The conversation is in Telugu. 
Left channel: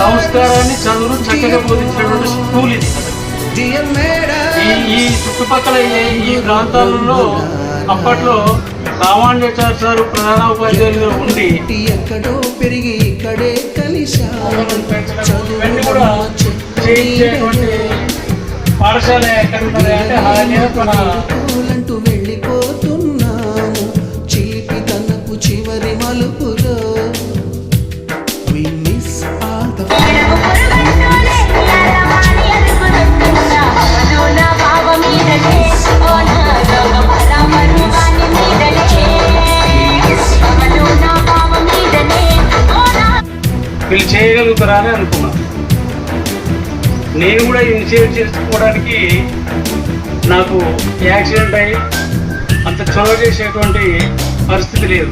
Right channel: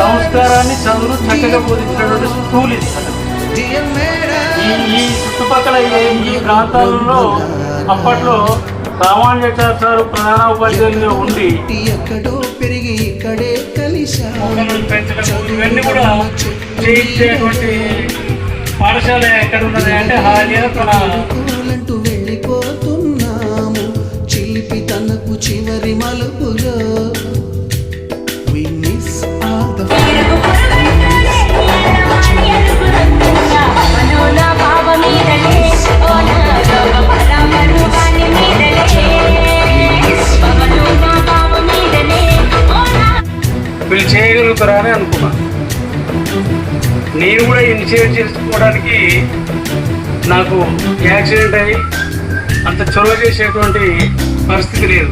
సంస్కారాన్ని చదువులు చక్కగా బోధించినటువంటి స్కూల్ ఇది అసలు. ఈ చుట్టుపక్కల ఈ ప్రాంతాలలో అప్పట్లో రామానుజాచార్య సార్ ప్రధాన ఉపాధ్యాయులుగా ఉండి ఎక్కడో పెరిగి ఇక్కడే కలిసా పాఠశాల ఎక్కడ ఉన్నదంటూ వెళ్ళిపోతున్నాము చిలిపి తనకు చివరి మలుపులో We miss all the వీళ్ళు చేయగలుగుతారా అని అనుకున్నా. నేను కూడా ఇనిషియేట్ చేసుకోవడానికి నాకు యాక్సిడెంట్ అయ్యి అంత చొరవ చేసేటువంటి పరిస్థితి లేదు.